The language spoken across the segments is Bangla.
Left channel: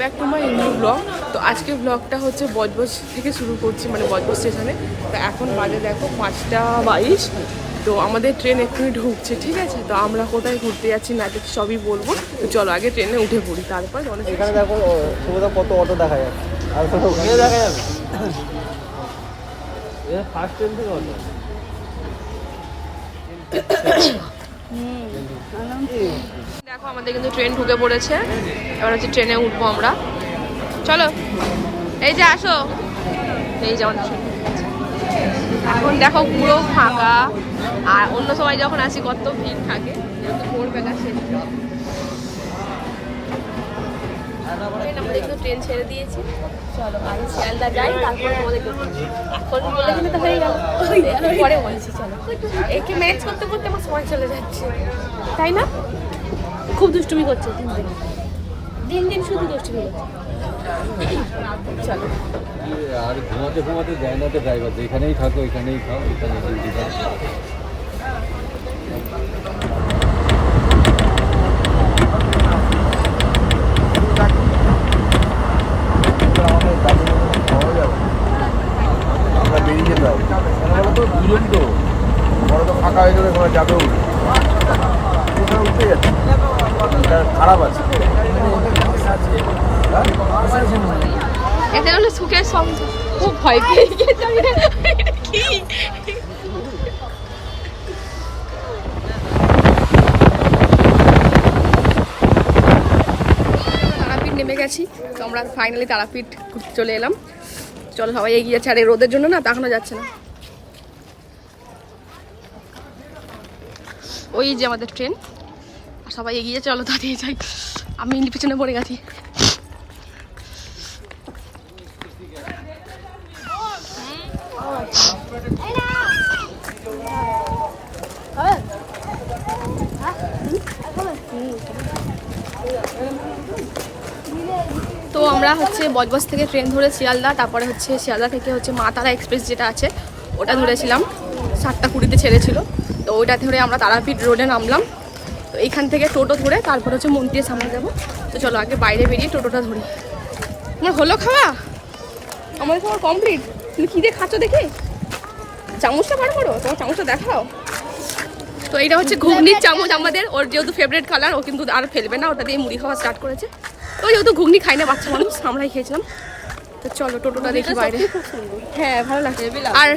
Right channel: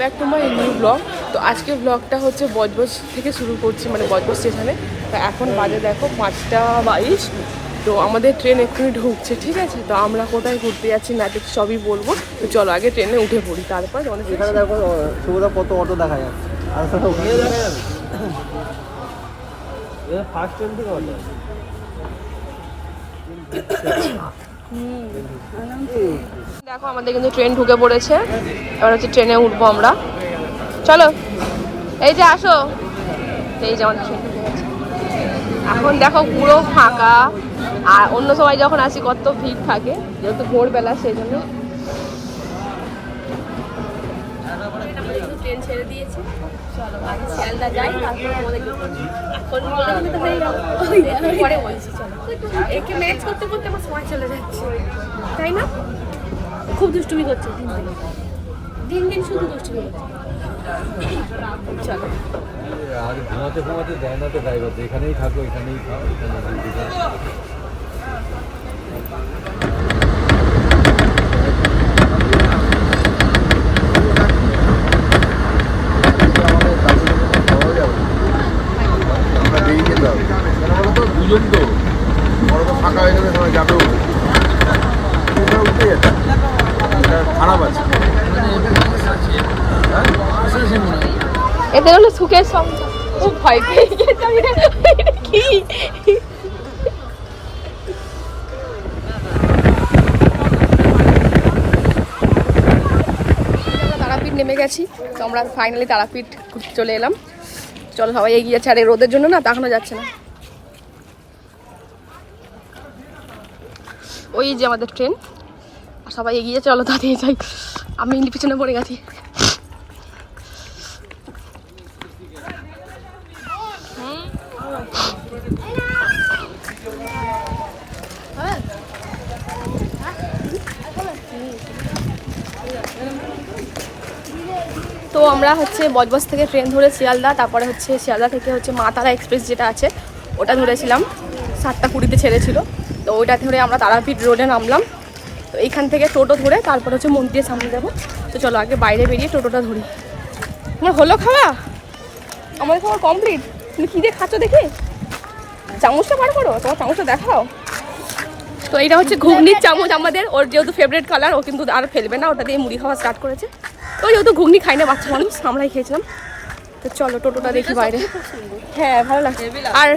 Back to my new blog. তো আজকে ব্লগটা হচ্ছে বজবজ থেকে শুরু করছি, মানে বজবজ স্টেশনে। তো এখন বাজে দেখো 5টা 22। তো আমাদের ট্রেন এক্ষুনি ঢুকছে, ঠিক আছে। তো আমরা কোথায় ঘুরতে যাচ্ছি না যাচ্ছি সবই বলবো। তো চলো আগে ট্রেনে উঠে পড়ি, তারপর অনেক এখানে দেখো সুবিধা কত অটো দেখা যাচ্ছে, আর ওখানে দেখা যাবে ফার্স্ট ট্রেন থেকে অটো আছে। দেখো আমাদের কিন্তু ট্রেন ঢুকে পড়েছে, এবার হচ্ছে ট্রেনে উঠবো আমরা। চলো এই যে আসো, এই যে আমাদের ট্রেন ঢুকে গেছে। এখন দেখো পুরো ফাঁকা, আর অন্য সময় যখন আসি কত ভিড় থাকে, যেহেতু ভোরবেলা সেজন্য। আমাদের কিন্তু ট্রেন ছেড়ে দিয়েছে, চলো আগে শিয়ালদা যাই, তারপর আমাদের এখন বলে দিলে তো হয়ে গেল, পরে বলছি। চলো একে ম্যাচ করতে করতে আমার সময় চলে যাচ্ছে, তাই না? খুব দুষ্টুমি করছে দিন দিন, দিন দিন শুধু দুষ্টুমি করছে। চলো আর ঘুমাতে ঘুমাতে যায় না তো ড্রাইভার, যেখানেই থাকো এখানেই থাকো, এখানে ডিউটি থাকো। এদের হলো সুখের সংসার। ও ভয় পেয়ে গেছে, আমি কি তারাপীঠ নেমে গেছি। তো আমরা ফাইনালি তারাপীঠ ঘুরতে চলে এলাম। চলো সবাই এগিয়ে যাচ্ছে, আর এই রোদের জন্য না তাকানো যাচ্ছে না। ওই যে আমাদের ট্রেন, সবাই এগিয়ে চলো তাড়িয়ে যাই, আমি পিছনে পড়ে গেছি। তো আমরা হচ্ছে বজবজ থেকে ট্রেন ধরে শিয়ালদা, তারপরে হচ্ছে শিয়ালদা থেকে হচ্ছে মা তারা এক্সপ্রেস যেটা আছে ওটা ধরেছিলাম, 7টা 20-তে ছেড়েছিল। তো ওইটা ধরে আমরা তারাপীঠ রোডে নামলাম। তো এইখান থেকে টোটো ধরে তারপর হচ্ছে মন্দিরের সামনে যাবো। তো চলো আগে বাইরে বেরিয়ে টোটোটা ধরি। তোমার হলো খাওয়া? আমার খাওয়া কমপ্লিট। তুমি কী দিয়ে খাচ্ছ দেখি, চামচটা বার করো, তোমার চামচটা দেখাও। তো এইটা হচ্ছে ঘুগনির চামচ আমাদের, ওর যেহেতু ফেভারিট কালার, ও কিন্তু আর ফেলবে না, ওটা দিয়ে মুড়ি খাওয়া স্টার্ট করেছে। তো যেহেতু ঘুগনি খাই না বাচ্চা মানুষ, আমরাই খেয়েছিলাম। তো চলো টোটোটা দেখি বাইরে। হ্যাঁ ভালো লাগছে। আর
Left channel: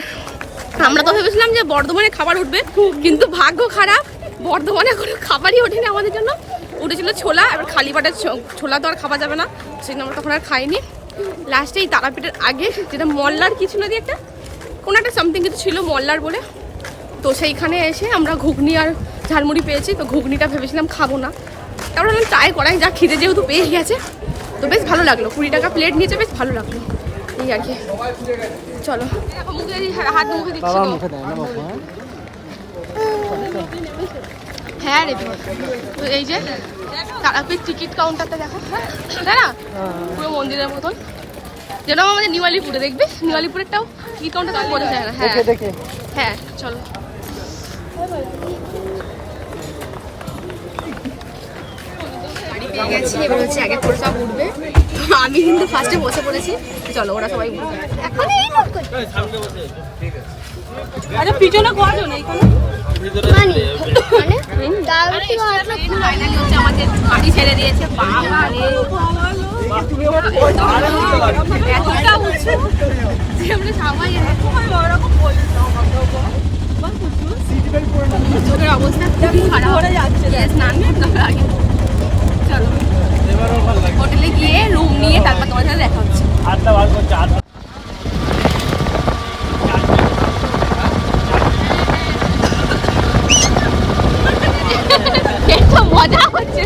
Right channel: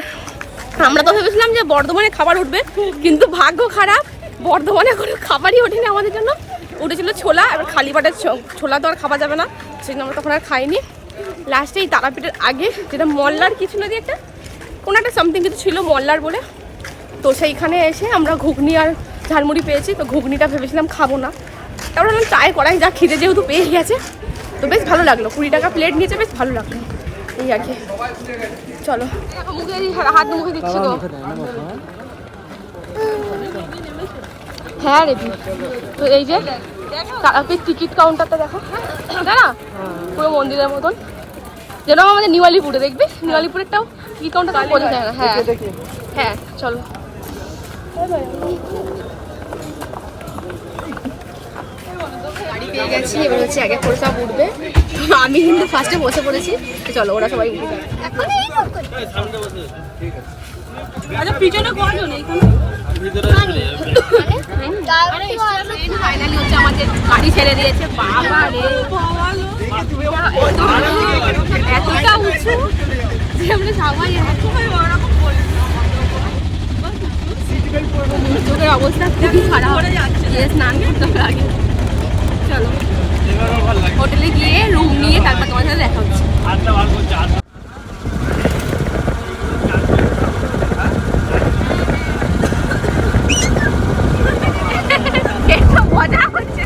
আমরা তো ভেবেছিলাম যে বর্ধমানে খাবার উঠবে, কিন্তু ভাগ্য খারাপ, বর্ধমানে কোনো খাবারই ওঠেনি আমাদের জন্য। উঠেছিল ছোলা, এবার খালি বাটের ছোলা তো আর খাওয়া যাবে না, সেই জন্য আমরা তখন আর খাইনি। লাস্টে এই তারাপীঠের আগে যেটা মল্লার কিছু না দিয়ে একটা কোনো একটা সামথিং কিছু ছিল মল্লার বলে, তো সেইখানে এসে আমরা ঘুগনি আর ঝালমুড়ি পেয়েছি। তো ঘুগনিটা ভেবেছিলাম খাবো না, তারপর আমি ট্রাই করাই, যা খিদে যেহেতু পেয়ে গেছে। তো বেশ ভালো লাগলো, 20 টাকা প্লেট নিয়েছে, বেশ ভালো লাগলো এই আর কি। চলো হাত মুখে দিচ্ছি তো। হ্যাঁ রেডি। তো এই যে তারাপীঠ টিকিট কাউন্টারটা দেখো, তাই না? পুরো মন্দিরের মতন, যেন আমাদের নিউ-আলিপুরে, দেখবে নিউ-আলিপুরেরটাও টিকিট কাউন্টার তো করে যায় না। হ্যাঁ হ্যাঁ চলো। গাড়ি পেয়ে গেছি, এবার হচ্ছে আগে করে সব উঠবে। তো আমি কিন্তু ফার্স্টে বসে পড়েছি। তো চলো ওরা সবাই উঠে যাবে। আচ্ছা পিছনে কজন এইখানে? ফাইনালি হচ্ছে আমাদের গাড়ি ছেড়ে দিয়েছে। বাবা রে, এতটা উঁচু যে আমরা সবাই চোখের অবস্থা খুবই খারাপ, স্নান করতে হবে আগে। চলো হোটেলে গিয়ে রুম নিয়ে তারপর তোমার সাথে দেখা হচ্ছে। মজা হচ্ছে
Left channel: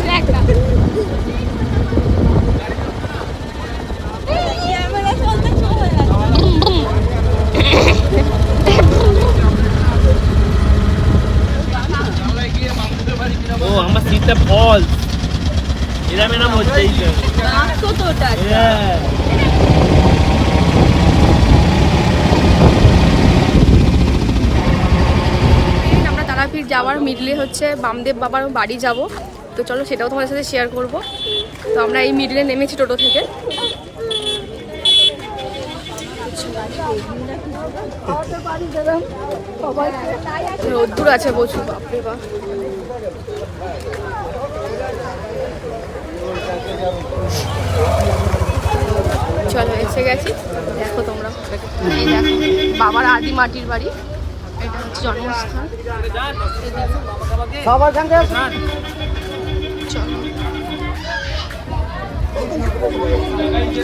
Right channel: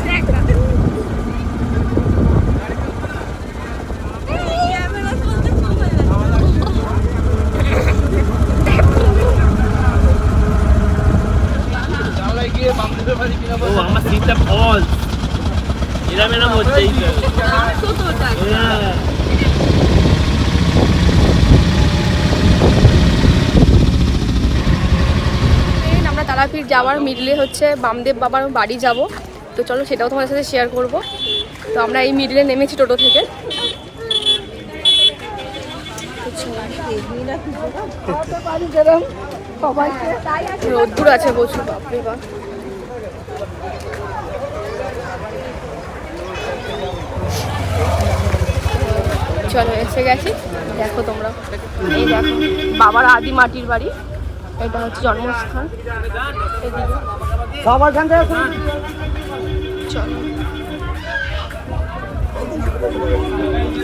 তারাপীঠ যাওয়ার মিডলে হচ্ছে বামদেব বাবার বাড়ি যাব। তো চলো সেটাও তোমাদের সাথে শেয়ার করব। তো আমরা এই মিডিলে নেমেছি টোটো থেকে। রোদ্দুর আছে প্রচুর, বাপরে বাপ। চলো এসে গেছি, দেখো তোমরা। এই দেখো বাবার আদি মাটির বাড়ি, এটা হচ্ছে জন্মস্থান। চলো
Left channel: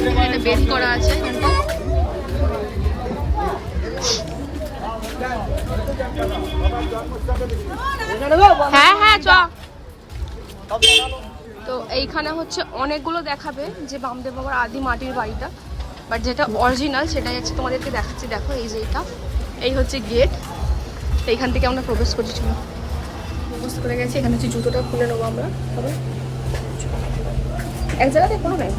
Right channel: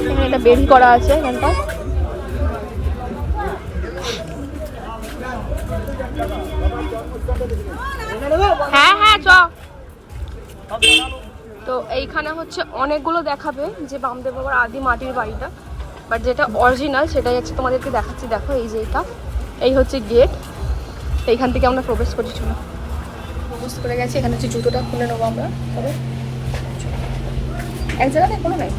এখানে একটা বেরি করা আছে এখানটা। হ্যাঁ হ্যাঁ চ। তো এইখানে হচ্ছে অনেকগুলো দেখাবে যে বামদেব বাবার আদি মাটির বাড়িটা, বাট যেটা অরিজিনাল সেটাই হচ্ছে তোমাদেরকে দেখাচ্ছি। দেখো এই যে এটা, এই হচ্ছে গেট, এইখান থেকে আমরা প্রবেশ করছি। চলো প্রবেশ করে গেছি, এখানে হচ্ছে জুতোটা খুলে নেবো আমরা। তবে এক জায়গাতে কোনো নাই,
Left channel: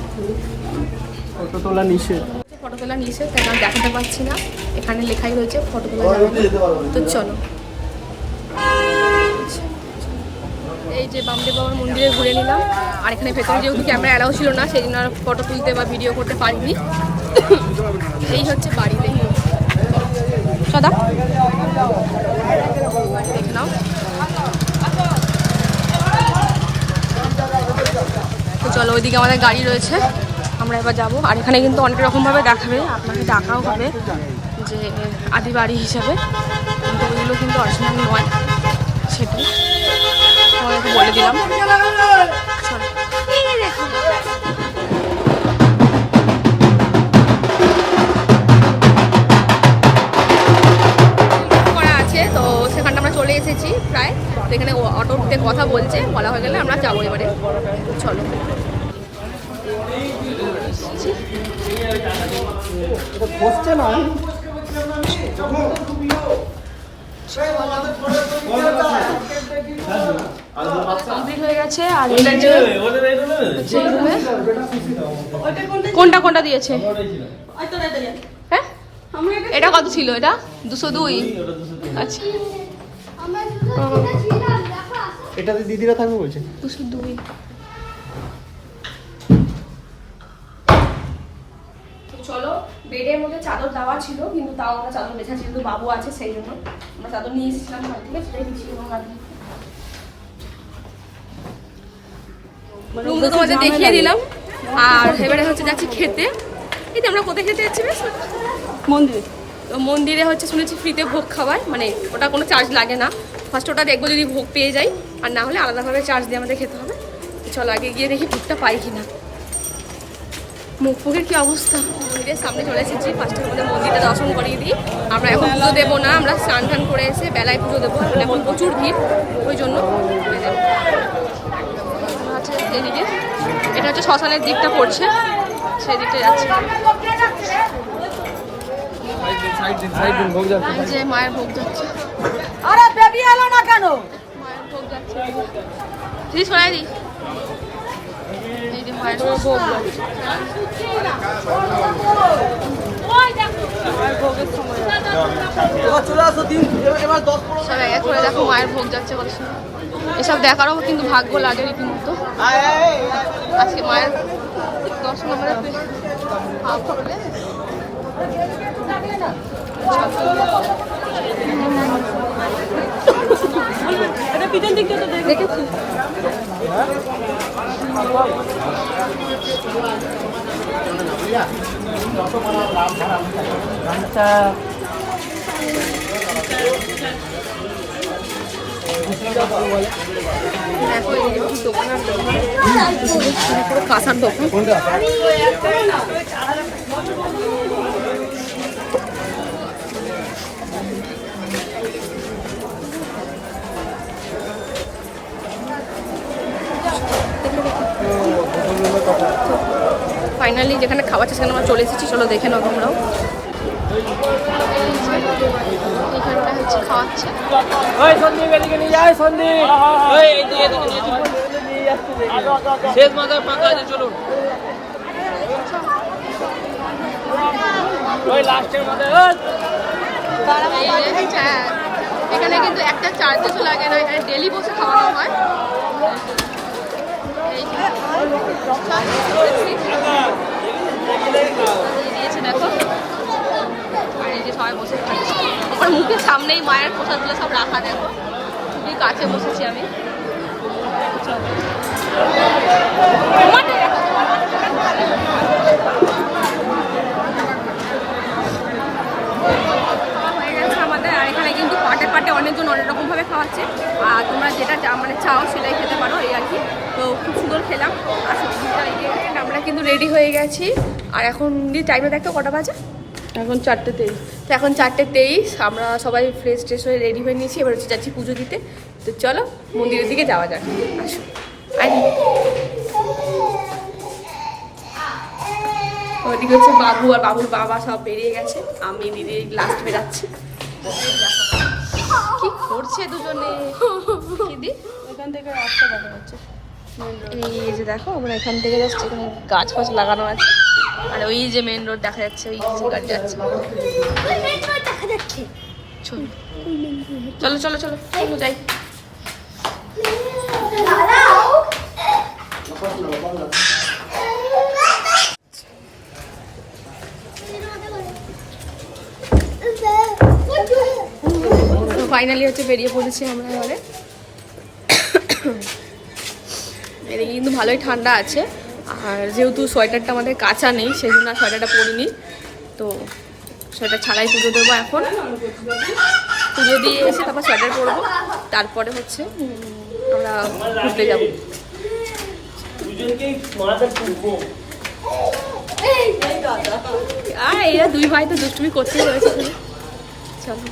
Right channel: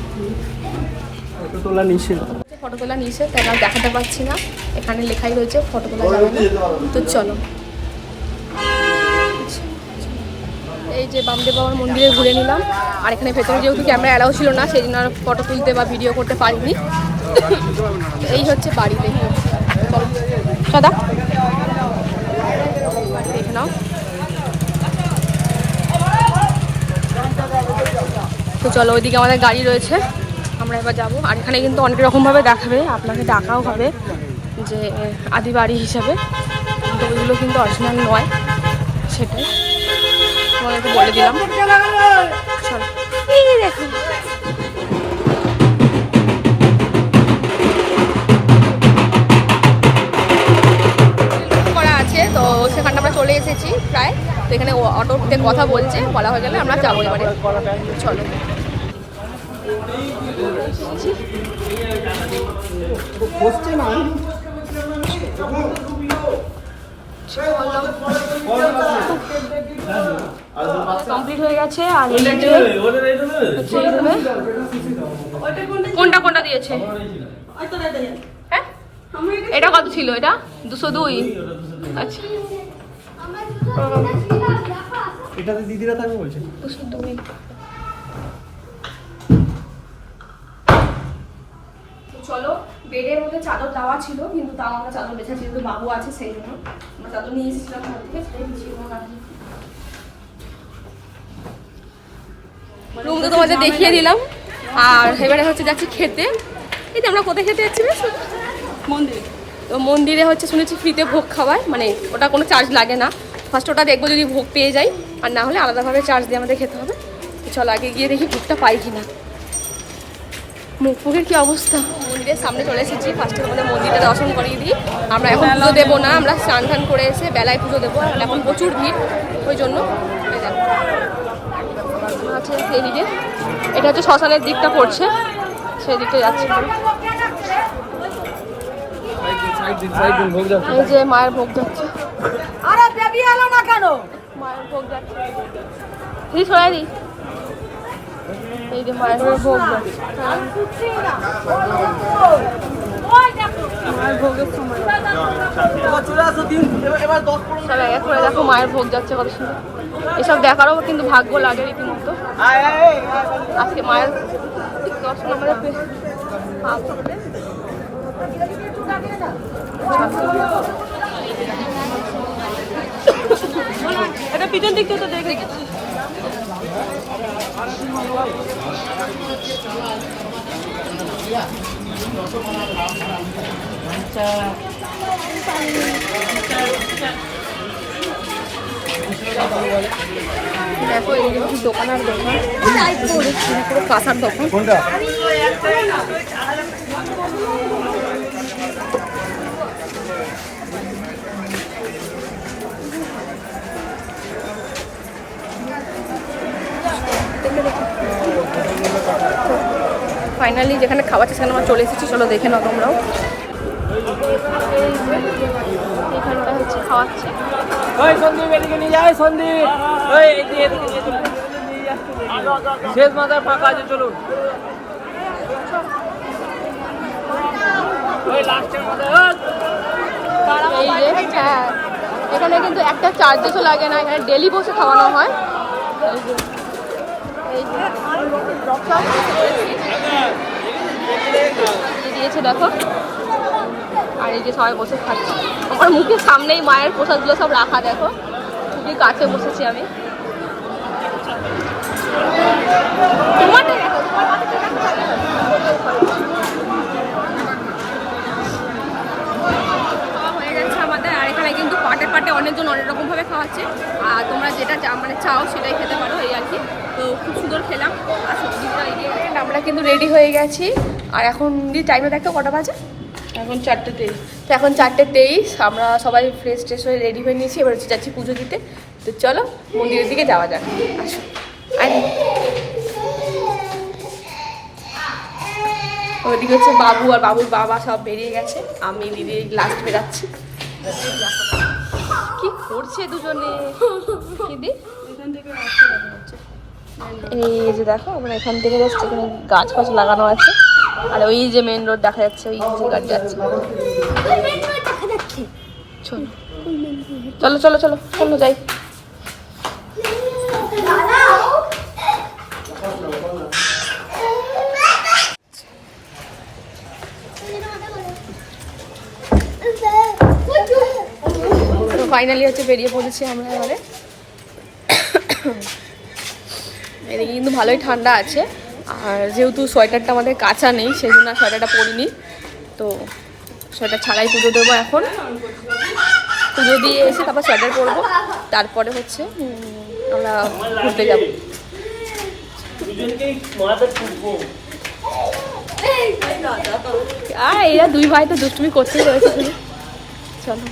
ফটো তোলা নিষেধ। ফটো তোলা নিষেধ, তাই আমরা দেখাতে পারছি না। এখানে লেখাই রয়েছে ফটো তোলা যাবে না। তো চলো এই যে বামদেব বাবার মন্দিরে ঘুরে নিলাম। আর এখানে ভেতরে যেহেতু ক্যামেরা অ্যালাউ ছিল না, সেই জন্য আর ফটো তুলতে বা ভিডিও করতে পারিনি। এই হচ্ছে বাড়ি, দেখি সদা বাড়ি দেখে নাও। তো চলো ওইদিকে আমাদের গাড়ি রয়েছে, আমরা এবার যাবো। আর এখানে কিন্তু অনেক রকমভাবে দেখাবে, আপনাকে ডাকাও হবে যে আদি বাড়ি হিসাবে, কিন্তু ওইগুলো কিন্তু অরিজিনাল নয়, সেটাই তোমাদেরকে বলে দিলাম। চলো এই দেখো করা আছে, তো সেখানটা আমরা চলে এসেছি প্রায়। তো এখানে অটোতে কথা বলছে, বলা হয়ে গেলে আমরা যাবো এবারে। চলো কমপ্লিট হয়ে গেছে। আর কোনটা কোনটা দিয়েছে? হ্যাঁ এটা কত ছিল? এটা 202। আচ্ছা এটাতে দিদিরা থাকবে বলছে 202। চলো বেডের মধ্যে চাদর দেওয়া ছিল, কিন্তু তাও আমরা চাদর বেছেছি, যেহেতু বাবু আছে সেই জন্য আমরা চাদর নিয়ে এসেছিলাম ঘর থেকে, ছেড়ে দিচ্ছিলাম। রুম তো তোমাদের দেখিয়ে দিলাম। আর এবারে হচ্ছে যাচ্ছি খেতে। এই তো আমরা কোথায় খেতে যাচ্ছি? বেশ মন্দির। তো মন্দিরে হচ্ছে শুনেছি ফ্রিতে ভোগ খাওয়ায়, মানে ওটা কোনো চার্জ লাগে না। ফার্স্ট ওটা দেখবো যদি ভোগ পেয়ে যাই, আর না হলে আলাদাভাবে চার্জ দিয়ে আমাদের খেতে হবে। তো চলো আগে গিয়ে দেখি ভোগটা পাই কিনা। মুখ ফুকের কি অবস্থা। মন্দিরের সামনে চলে এসেছি, ফার্স্টে আমাদের মন্দিরটা দর্শন করিয়ে দিই। আমরা এখন পুজো দেবো না, আমরা স্নান টান করে এসে বেলায় পুজো দেবো, এখন প্রচুর ভিড়, ওই জন্য। আছে এদিকে, এটা হচ্ছে শ্মশানের দিকটা পড়ছে, সেই দিকটা যাচ্ছে। এই যে মায়ের ভোগ যাচ্ছে, মায়ের ভোগ যাচ্ছে, দিদি সরাই দিই। এই যে মায়ের ভোগ যাচ্ছে, সবাই এক করে দেখো মায়ের ভোগ যাচ্ছে কত সুন্দর। এসব দেখারও কিন্তু ভাগ্য লাগে রীতিমতো। আজকে মায়ের দর্শন আমাদের এটা পিঠের দিকটা তো দেখেছি। দেখো এই দোকান আর দোকান, পুরো কাঁচার দোকান। ফাইনালি যেখানে খাওয়াচ্ছে সেখানে আমরা চলে এসেছি, চলো দেখে নাও তোমরাও। এখানটা হচ্ছে খাওয়াচ্ছে। এই যে হ্যাঁ, এখানে কিন্তু একটা চার্জেসও লাগে না, এখানে ডেলি বসে খাওয়ানো হয়। এই যে সব বসে পড়েছি, দিয়ে দিয়েছে দেখো। আর এই যে সবাই বসে খাচ্ছে, আমার মুখের সামনেই মায়ের প্রসাদগুলো সব রাখা দেখো, খুবই কাছে বসেছি আমি। খাওয়া হয়ে গেছে আমাদের, আর এখানে কিন্তু পাটে পাটে অনেকজন অনেক রকমভাবে খাওয়াচ্ছে, আর তোমরা যেটা মানে চাও সেটাই খেতে পারো এই আর কি। তো খুব সুন্দর খেলাম। আর আমরা কিন্তু রেডি হয়ে গেছি, আর এখন টাইমে দেখো কটা বাজে, এখন 4:23। তো এখন 4:23, আমরা সবাই ফ্রেশ ট্রেশ হয়ে রেডি হয়ে নিয়েছি, এবার হচ্ছে যাচ্ছি পুজো দিতে। তো চলো মন্দিরের দিকে যাওয়া যাক, আসো। ওদিকে হচ্ছে বাবু আর বাবুর বাবা সব বেরিয়ে গেছে, আমি দিদি লাস্ট বেরাচ্ছি। কি করছে দুজনে দিদি? এখান থেকে রাস্তা দেখা যাচ্ছে। এই যে দেখো আমরা এখান থেকে যাচ্ছি, এখানে গাছ ফাছ লাগানো আছে, আর ওই যে মেন রোড দেখা যাচ্ছে, ওই যে গাড়ি যাচ্ছে। চলো চলো চলো চলো যাই। ফাইনালি হচ্ছে বেরিয়ে পড়েছি আমরা এবারে। এদিকে কিন্তু ভালোই ঠান্ডা আছে, আর যেহেতু সোয়েটারটা আমাদের কাঁচা নেই সেই জন্য আর সোয়েটারটা পরিনি, তো সোয়েটার ছাড়াই পুজো দেবো। এখন পুজো দিয়ে এসে তারপর সোয়েটার পরবো, তারপরে হচ্ছে আমরা ঘুরতে যাব। আর এরা দুই ভাই তো দুষ্টুমি করতেই রয়েছে শুধু। চলো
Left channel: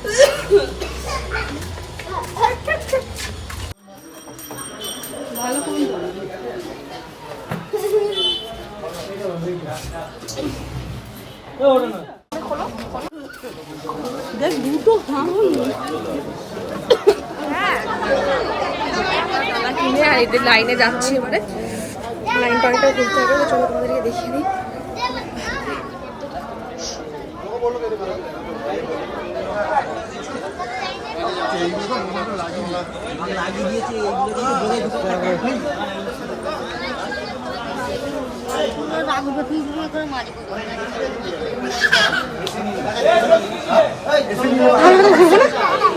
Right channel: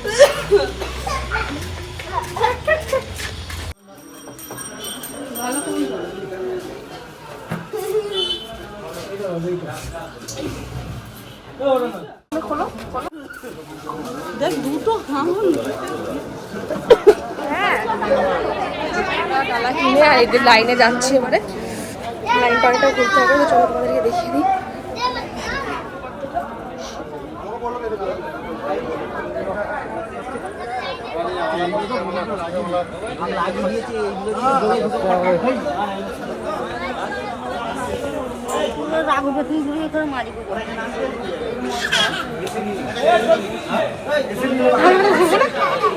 ডালা কিনে আর এদের লাইনে যাচ্ছি এবারে, লাইন পাড়িটাও ঘুরতে হবে। তো চলো তোমাদেরকে দেখিয়ে দিই।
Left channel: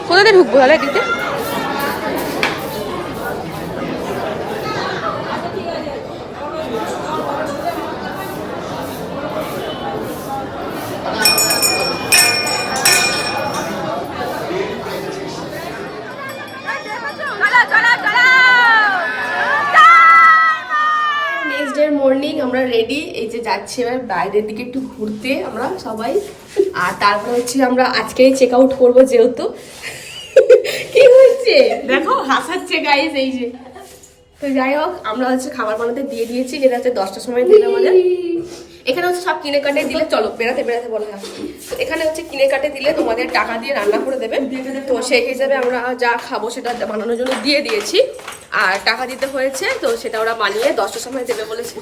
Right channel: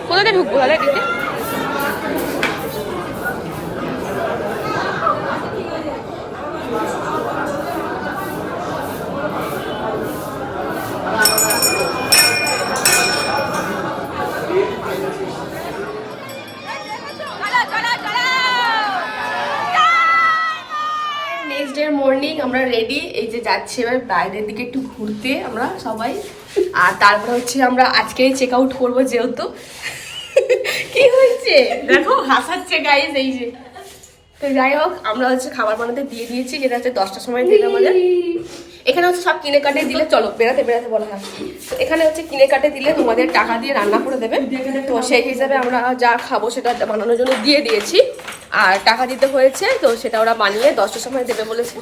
কোথায় ঢুকবো তাহলে দিতে? মর্নিং আমরা রেডি, এই যে যাচ্ছি এবার বাইরের দিকে একটু ঘুরতে আমরা সবাই। আর তারপর হচ্ছে আমরা আজকেই চেক আউট করবো, যেহেতু কি হয়েছে দেখো হাসাচ্ছে গাইস। এই যে তো যাই হোক, আমরা হচ্ছে খাবার বানাতে দিয়ে দিয়েছি, যেটা হচ্ছে 10টার সময় দিলে আমাদের। এখানে হচ্ছে সব কিনে কাটে দিলে, চলো বেড়াতে বেড়াতে বলা হয়, তো এখানে হচ্ছে কিনে কাটে দিলে তোমাদের টাকা দিয়ে রান্না করে দেবে। তো সেই হিসাবে আমরা যা খাবো সেটা বানানোর জন্য দিয়ে দিয়েছি, আর টাকা দিতে হয়েছে, তো সেটা ওরা বানিয়ে 10টার সময় দেবে বলেছে।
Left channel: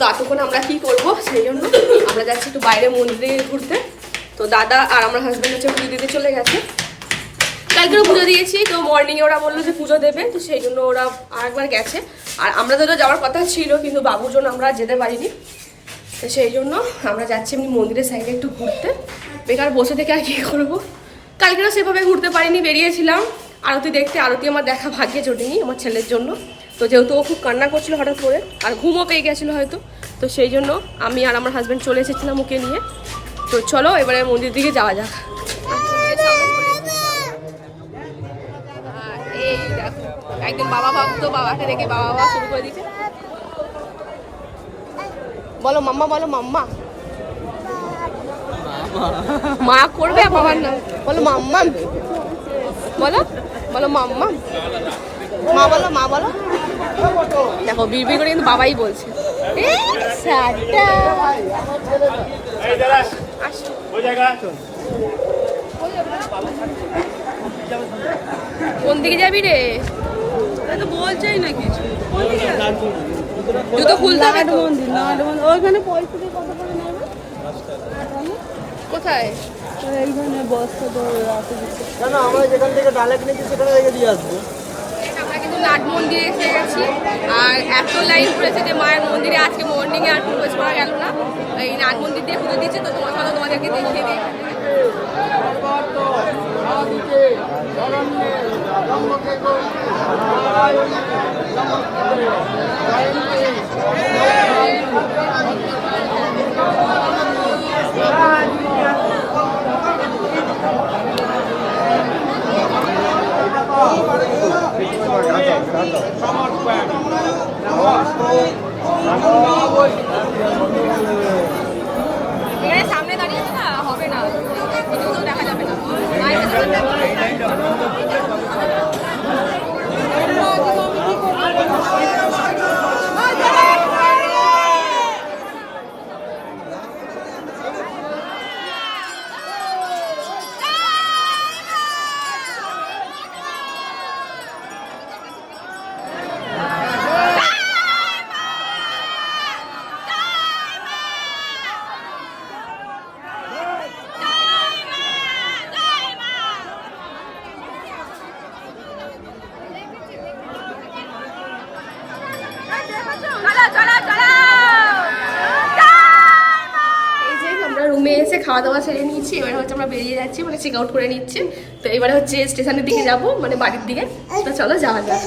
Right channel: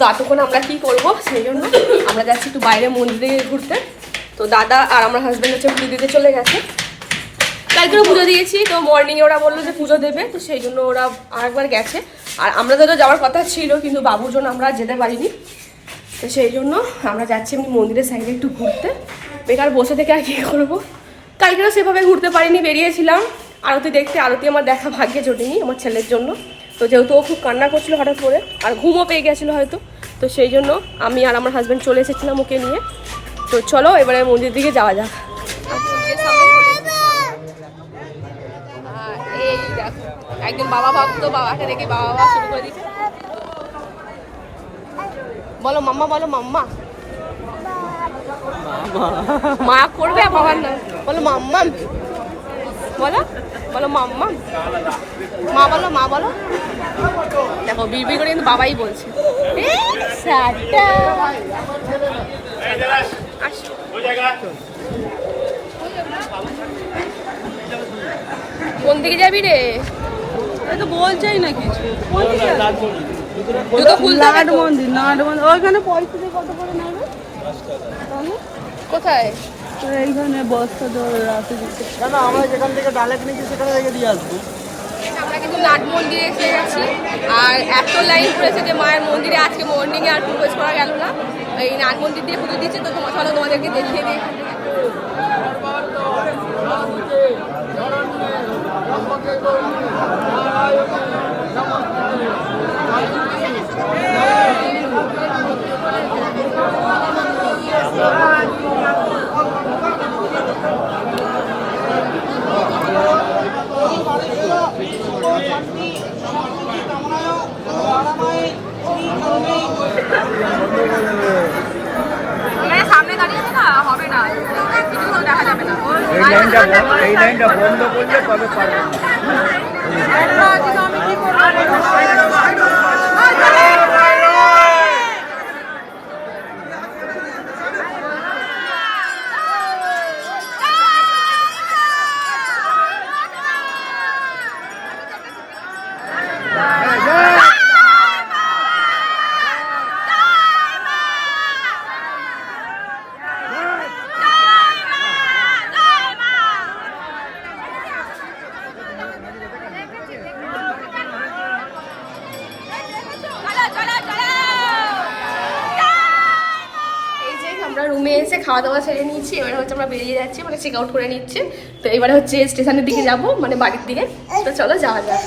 তো এতক্ষণ আমরা কি করব, সেই জন্য আমরা যাচ্ছি একটু বাইরে মন্দিরে ঘুরতে। তো দাদা আর আমার হাজব্যান্ড হচ্ছে পুজো দিতে চলে গেছে, কালকেও পুজো দিয়েছি, তো মর্নিংয়ে ওরা বললো যে পুজো দেবে, তো সেই জন্য ওরা আরেকবার গেছে। আর আমরা তো যাওয়ার কথা ছিল, কিন্তু বাবুর জন্য আমরা যেতে পারিনি, তো সেই জন্য আমরা যাচ্ছি এমনি মন্দিরের সাইডে একটু ঘুরতে। বেকার বসে থেকে আর কি করবো, কালকেও সেভাবে ঘুরতে পারিনি, বেরিয়েছিলাম আরতি দেখতে। আরতি আমার দেখা ভাগ্যে জোটেনি আমার ছেলের জন্য, তো যেহেতু ও খুব কান্না করছিল হঠাৎ করে, আর ঘুমও পেয়ে গেছিলো হয়তো, তো সেই জন্য আমি আর আমার হাজব্যান্ড চলে এসেছিলাম ওকে নিয়ে। তো চলো এবারে মন্দিরের দিকে যাওয়া যাক। এই দেখো একদম বাবা ভাবতো, বাবাকে দেখে বাবা বাবা শুরু করে দিচ্ছে। বলো মাম্মা, বলো মাম্মা, মা করবে আর বাবার নাম বলো মাম্মা, বলো বলো মাম্মা, মা বলো, মা বলো। দেখো বিড়বিড় করে কিন্তু বাবাই বলছে। কোন দিকে যাবি রে? তো বলছেই না কিছু। জুতো খুলতে হবে তো। মন্দির ওইখানে পয়সা দিয়ে কত করে নেবে? কোথায়? এইখানে বস্তা ধরে আছে। না আমরা যেখান থেকে ডালেক নিয়েছি সেখানে রেখে দিয়ে আসবো। আমরা কিন্তু নাট মন্দিরে এসে গেছি আর এত লাইন পড়েছে যে মায়ের মন্দিরে আজকে মর্নিংয়ে আর প্রবেশ করা গেল না। এই নাট মন্দির দিয়ে পুজো দিচ্ছে, তো তোমাদেরকে দেখিয়ে দিই এখান থেকে। এখানে সামনে দাঁড়িয়ে আছে না, হবে না, কিছু তো দেখা যাবে না। রুমে এসে খাওয়া দাওয়া সেরে নিয়েছি, এবারে হচ্ছে আমরা বেরিয়ে যাচ্ছি, মানে চেক আউট করে নিচ্ছি। তো এবারে হচ্ছে স্টেশনের দিকে যাব, মানে বাড়ির দিকে। তো চলো যাওয়া যাক।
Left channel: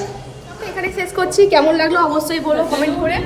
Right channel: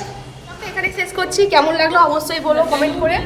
এখানে শেষ করছি, কেমন লাগলো অবশ্যই বলো কমেন্ট করে।